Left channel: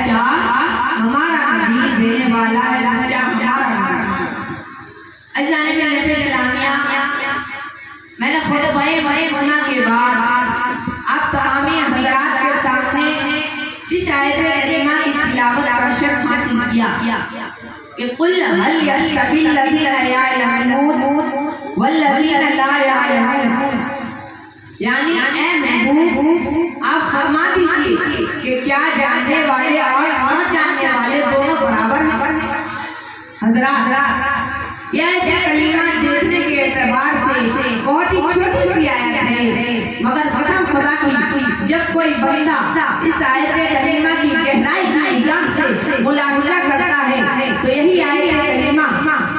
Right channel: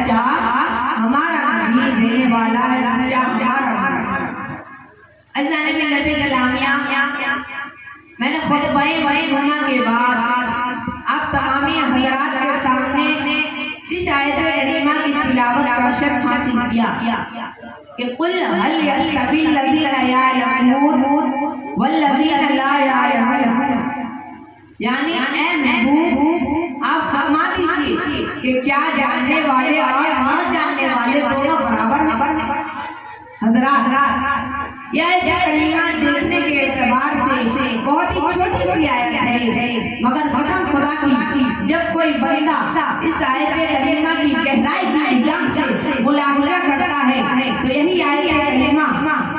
سچا ہمارا نبی دینے والا ہے، سچا ہمارا نبی۔ عزیزان ملت اسلامیہ، میں نے خطبہ مولانا کے بعد آپ تمامی حضرات کے سامنے جس آیت کریمہ کی تلاوت کا شرف حاصل کیا کہ قل هل يستوي الذين يعلمون والذين لا يعلمون، یعنی اے محبوب آپ فرما دیجئے کہ کیا جاننے والے اور نہ جاننے والے دونوں برابر ہیں؟ حضرات، یہ آیت کریمہ دیکھنے کے اعتبار سے بہت ہی چھوٹی سی آیت ہے، مگر قسم خدا کی جب کوئی بندہ اس آیت کریمہ کی گہرائی کی نگاہ سے ملاحظہ کرتا ہے تو یہی آیت کریمہ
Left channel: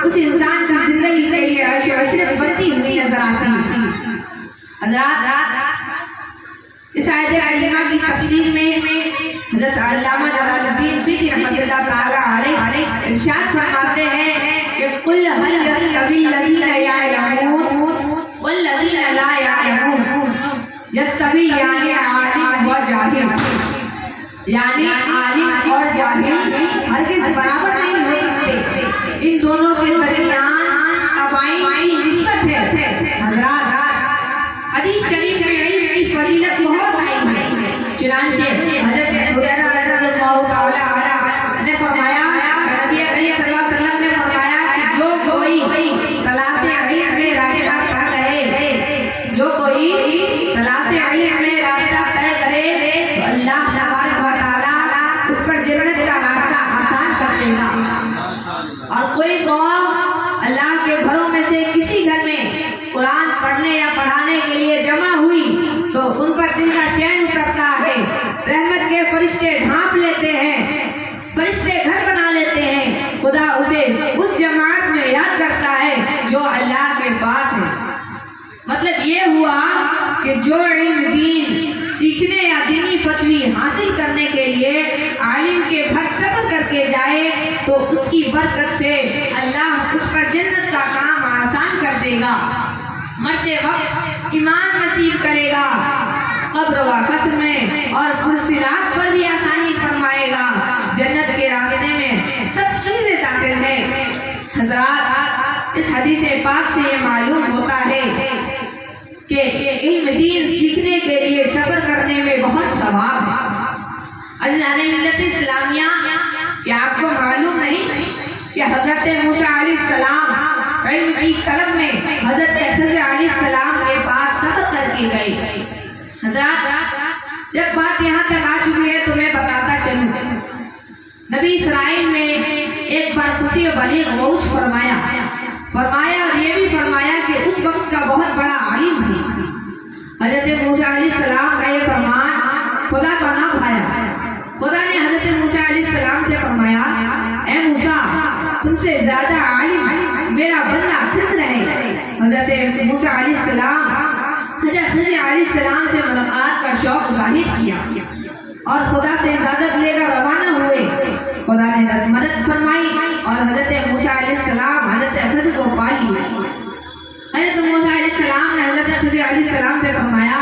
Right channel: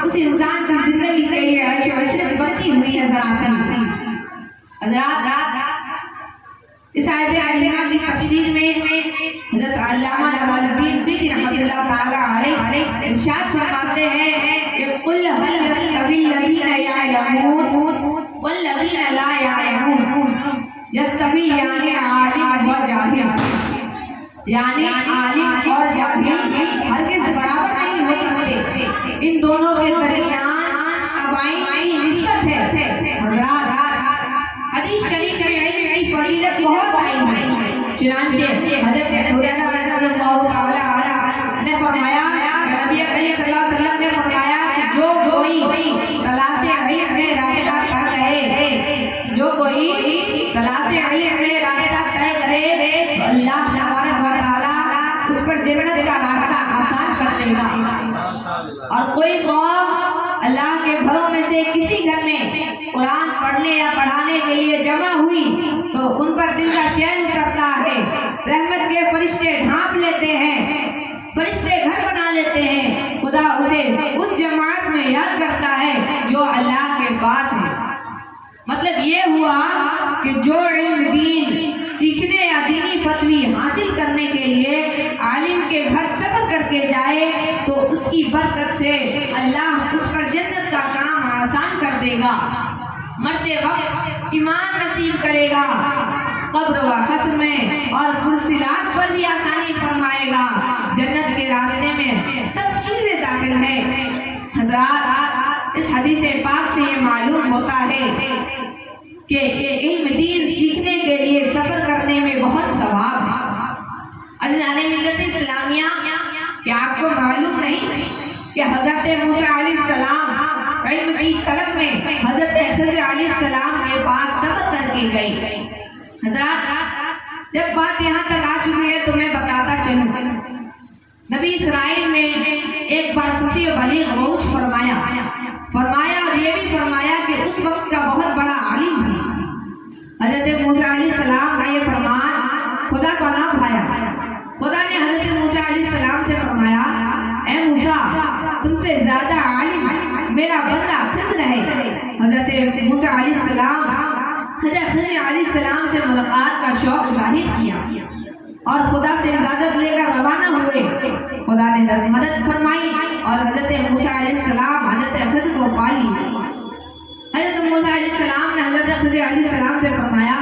اس انسان کی زندگی کے لیے عیش و عشرت بنتی ہوئی نظر آتی ہے۔ حضرات، اس آیت کریمہ کی تفسیر میں حضرت علامہ جلال الدین سیوطی رحمۃ اللہ تعالی علیہ ارشاد فرماتے ہیں کہ قل هل يستوي الذين يعلمون والذين لا يعلمون، یستوی یعنی عالم و جاہل، یعنی عالم اور جاہل ہرگز برابر نہیں ہو سکتے، ان دونوں کے درمیان تباین کی نسبت ہے۔ حضرات، حدیث شریف میں علم کی فضیلت بہت آئی ہے، چنانچہ حضرت حریرہ رضی اللہ تعالی عنہ نے فرمایا کہ نبی کریم صلی اللہ علیہ وسلم نے فرمایا کہ جو کوئی تلاش علم میں راستہ طے کرے، جو کوئی تلاش علم میں راستہ طے کرے تو اللہ تبارک و تعالی اس پر جنت کا راستہ آسان کر دے گا۔ اور کوئی قوم اللہ کے گھروں میں سے کسی گھر میں قرآن پڑھنے یا پڑھانے کے لیے جمع ہوئی تو ان پر دل کا چین اترتا ہے، رحمت کے فرشتے ڈھانپ لیتے ہیں، فرشتے گھر بنا لیتے ہیں، خدا اسے اس جماعت میں یاد کرتا ہے جو اللہ کے پاس ہے۔ مطلب یہ ہوا کہ جو علم دین سیکھنے یا دینی فتوی حاصل کرنے کے لیے عالم کے گھر سفر کر کے جائے تو اس کی برکت سے اللہ اس پر جنت کا کام آسان کر دے گا، مرتے وقت ایمان نصیب کرے گا، قبر و حشر میں اور پرصراط پر بھی آسانی فرمائے گا، جنت کے راستے میں سب چیزیں داخل ہیں۔ حضرات، اس حدیث پاک سے یہ معلوم ہوتا ہے کہ علم دین سیکھنے کے لیے سفر کرنے میں بہت ثواب ہے۔ عزیزان ملت اسلامیہ، کیا آپ کو معلوم نہیں کہ حضرت موسیٰ علیہ السلام علم کی طلب میں حضرت خضر علیہ السلام کے پاس سفر کر کے گئے؟ حضرات، جب بات یہاں تک آ چکی ہے تو میں بتاتا چلوں، نبی اسرائیل میں ایک بار خوشی بلیغ عروج فرمایا اور یہ بھی فرمایا کہ اس وقت کا بہت بڑا عالم ہے۔ حضرت موسیٰ علیہ السلام کا یہ فرمان خدا کا نام بھایا، خدا نے حضرت موسیٰ علیہ السلام سے فرمایا اے موسیٰ، تم سے زیادہ عالم میرا بندہ خضر ہے۔ حضرت موسیٰ علیہ السلام حضرت خضر علیہ السلام سے ملاقات کا شوق ظاہر کیا اور خدا سے اجازت لے کر روانہ ہوئے۔ خدا نے مدد فرمائی اور حضرت موسیٰ علیہ السلام حضرت خضر کو پا لیا۔ حضرت موسیٰ علیہ السلام نے حضرت خضر علیہ السلام سے فرمایا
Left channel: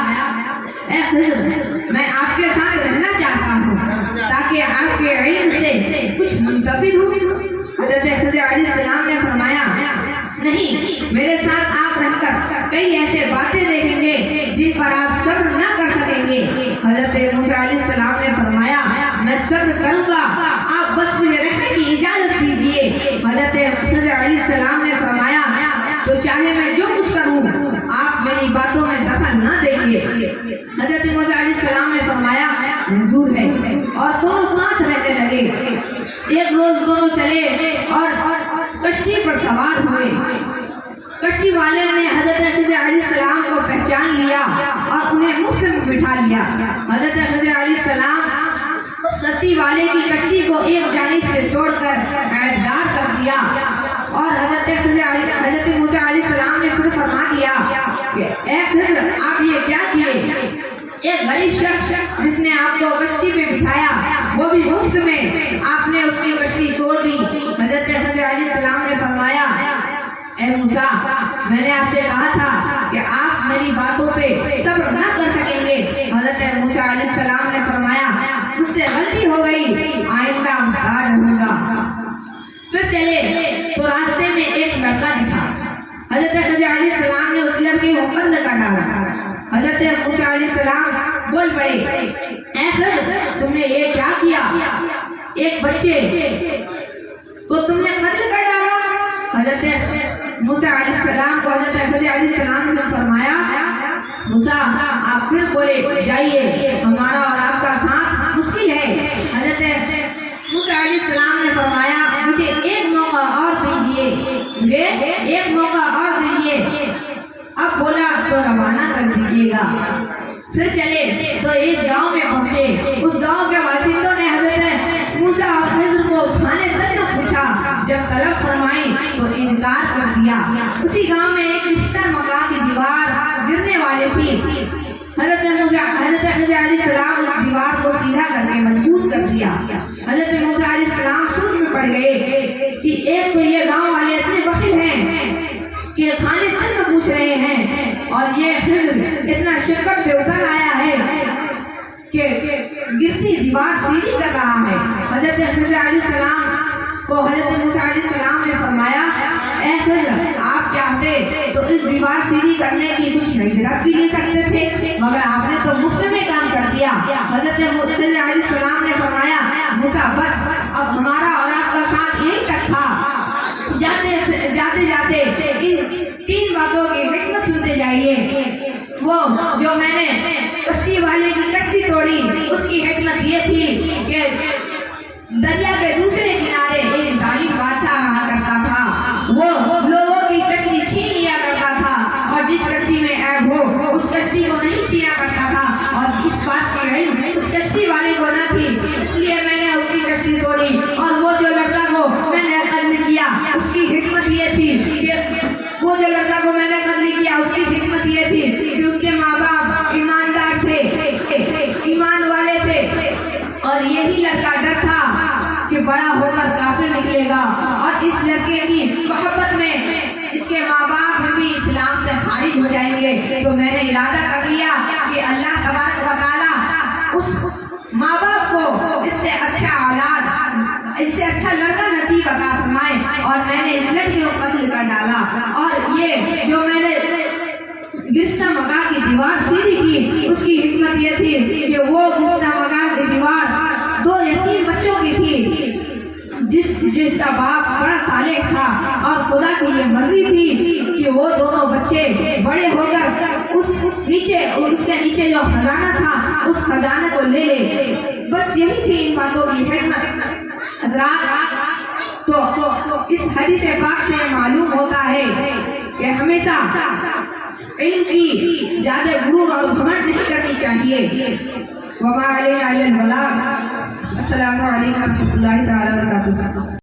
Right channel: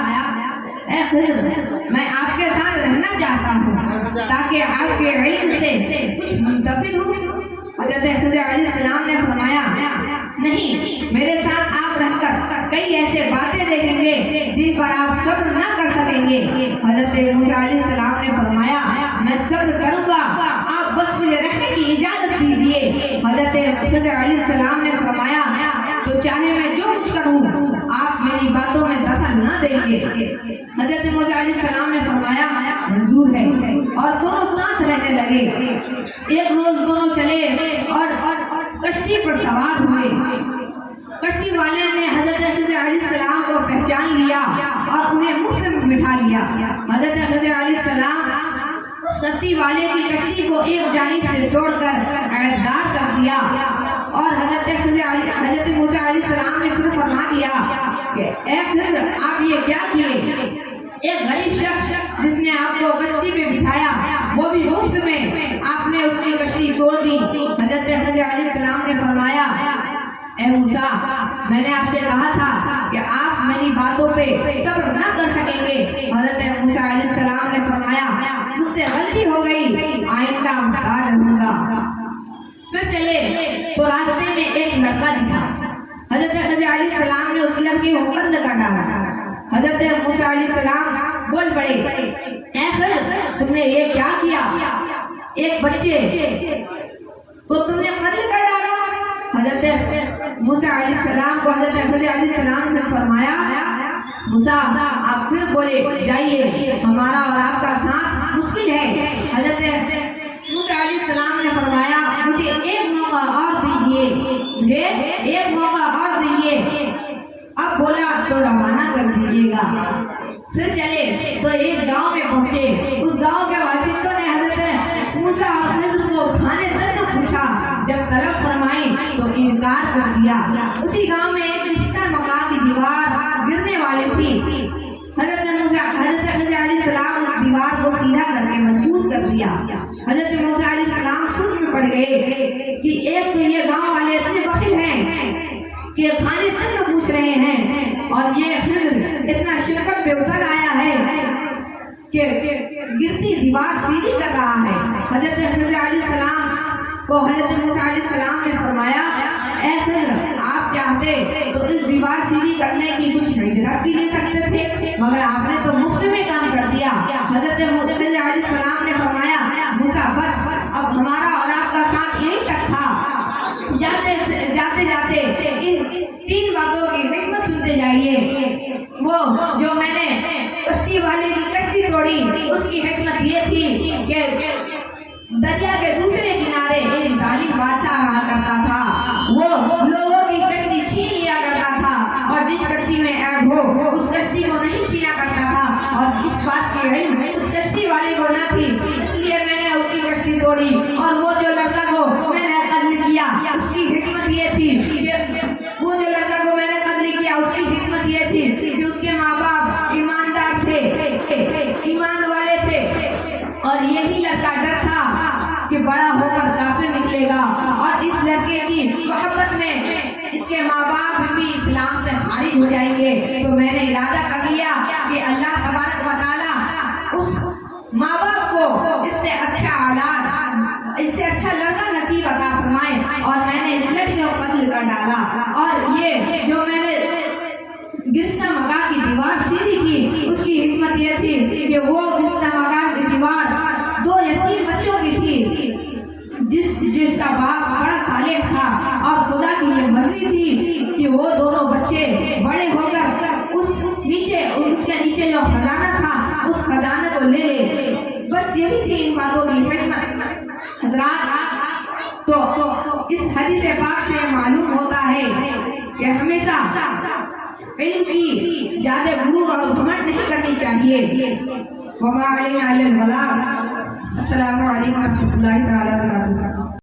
اے خضر، میں آپ کے ساتھ رہنا چاہتا ہوں تاکہ آپ کے علم سے کچھ منتفع ہوں۔ حضرت خضر علیہ السلام نے فرمایا نہیں، میرے ساتھ آپ رہ کر کئی ایسے باتیں دیکھیں گے جن پر آپ صبر نہ کر سکیں گے۔ حضرت موسیٰ علیہ السلام نے فرمایا میں صبر کروں گا، آپ بس مجھے رہنے کی اجازت دیجیے۔ حضرت خضر علیہ السلام نے فرمایا تو چاہے میں جو کچھ کروں آپ میری باتوں میں دخل نہ دیں گے۔ حضرت موسیٰ علیہ السلام نے فرمایا منظور ہے، اور دونوں ساتھ رہنے لگے۔ ایک روز دونوں چلے اور کشتی پر سوار ہوئے۔ کشتی والے نے حضرت خضر علیہ السلام کو پہچان لیا اور انہیں مفت میں بٹھا لیا۔ حضرت خضر علیہ السلام اس کشتی والے کی کشتی کو ایک جانب سے توڑ کر عیبدار کر دیا اور حضرت موسیٰ علیہ السلام نے پھر فرما دیا کہ اے خضر، آپ یہ کیا کیے؟ ایک غریب شخص جس نے آپ کو کشتی پہ بٹھایا وہ بھی مفت میں آپ نے اس کی کشتی توڑ دی۔ حضرت خضر علیہ السلام نے فرمایا اے موسیٰ، میں نے آپ سے کہا تھا کہ آپ میری باتوں پہ صبر نہ کر سکیں گے۔ حضرت موسیٰ علیہ السلام نے فرمایا مجھ سے غلطی ہو گئی، علیہ السلام بول پڑے اے خضر تم نے یہ کیا کیا؟ ایک بچے کو تم نے قتل کر ڈالا۔ حضرت موسیٰ علیہ السلام کو حضرت خضر علیہ السلام نے فرمایا موسیٰ آپ پھر بولے جائیے ہمارا اور آپ کا ساتھ مشکل ہے۔ حضرت موسیٰ علیہ السلام نے فرمایا مجھے ایک موقع اور دیجیے، مجھے ایک موقع اور دیجیے۔ اب بولا تو روانہ کر دیجیے گا۔ پھر چلے تو ایک گاؤں میں پہنچے۔ اس گاؤں کے باشندوں نے حضرت موسیٰ اور خضر کو کھانے تک نہ پوچھا، جب طلب فرمائی تو انکار کر دیا۔ اسی گاؤں میں ایک رشتہ مکان کی دیوار گرنے والی تھی۔ حضرت خضر علیہ السلام اس دیوار کو سیدھا کر کے مضبوط کر دیا۔ حضرت موسیٰ علیہ السلام سوچ میں پڑ گئے کہ ایک تو یہ گاؤں والے اتنے بخیل ہیں کہ کھانے تک نہ پوچھ رہے ہیں، اور یہ خضر اتنا شکر پہ اتر آیا ہے کہ گرتی دیوار سیدھی کر رہا ہے۔ حضرت خضر علیہ السلام کو حضرت موسیٰ علیہ السلام نے فرمایا اے خضر آپ چاہتے تو اس دیوار سیدھی کرنے کی کچھ اجرت بھی لے سکتے تھے، مگر آپ نے تو مفت میں کام کر دیا۔ حضرت خضر علیہ السلام نے فرمایا موسیٰ بس اب ہمارا اور آپ کا ساتھ یہی تک تھا، جاتے جاتے ان 3 باتوں کی حکمت سنتے جائیے۔ وہ جو میں نے کشتی والے کی کشتی توڑی اس کی حکمت یہ تھی کہ دریا کے دوسرے کنارے ایک ظالم بادشاہ رہا کرتا تھا، وہ لوگوں کی کشتی چھین لیا کرتا تھا، اور جس کشتی میں عیب ہو اس کشتی کو نہیں چھینا کرتا تھا، اور اس بات کی علم اس کشتی والے کو نہ تھی، اس لیے میں نے اس کی کشتی توڑی۔ اور وہ جو لڑکا کو میں نے قتل کیا اس کی حکمت یہ تھی کہ وہ جو لڑکا کو میں نے قتل کیا اس کی حکمت یہ تھی کہ اس کے ماں باپ ایماندار تھے، ایمان والے تھے، اور یہی لڑکا ڈر تھا کہ بڑا ہو کر کافر نکلے گا، اور اس لڑکے کی محبت میں اس کے ماں باپ بھی اسلام سے خارج ہو جائیں گے۔ تو میں نے ارادہ کر لیا کہ اللہ تبارک و تعالیٰ اس ماں باپ کو اس سے اچھا اولاد، اس سے اچھا لڑکا نصیب عطا فرمائے، اور میں نے اس لڑکے کو قتل کر ڈالا۔ اور یہ جو میں نے گرستہ مکان کی دیوار سیدھی کی اس کی حکمت یہ تھی کہ وہ گرستہ مکان کی دیوار 2 یتیم بچوں کی تھی، جس کا باپ بڑا صالح تھا، اور خدا کی یہ مرضی تھی کہ وہ دونوں بچے بڑے ہو کر اس کے نیچے جو خزانہ تھا اس خزانے کو لے لے۔ بس یہی تھی ان باتوں کی حکمت۔ حضرات تو اس حدیث پاک سے معلوم ہوتا ہے کہ ہمیشہ علم کی زیادہ غرور اور گھمنڈ نہیں کرنی چاہیے۔ وما علینا الا البلاغ۔ السلام علیکم ورحمۃ اللہ تعالی وبرکاتہ۔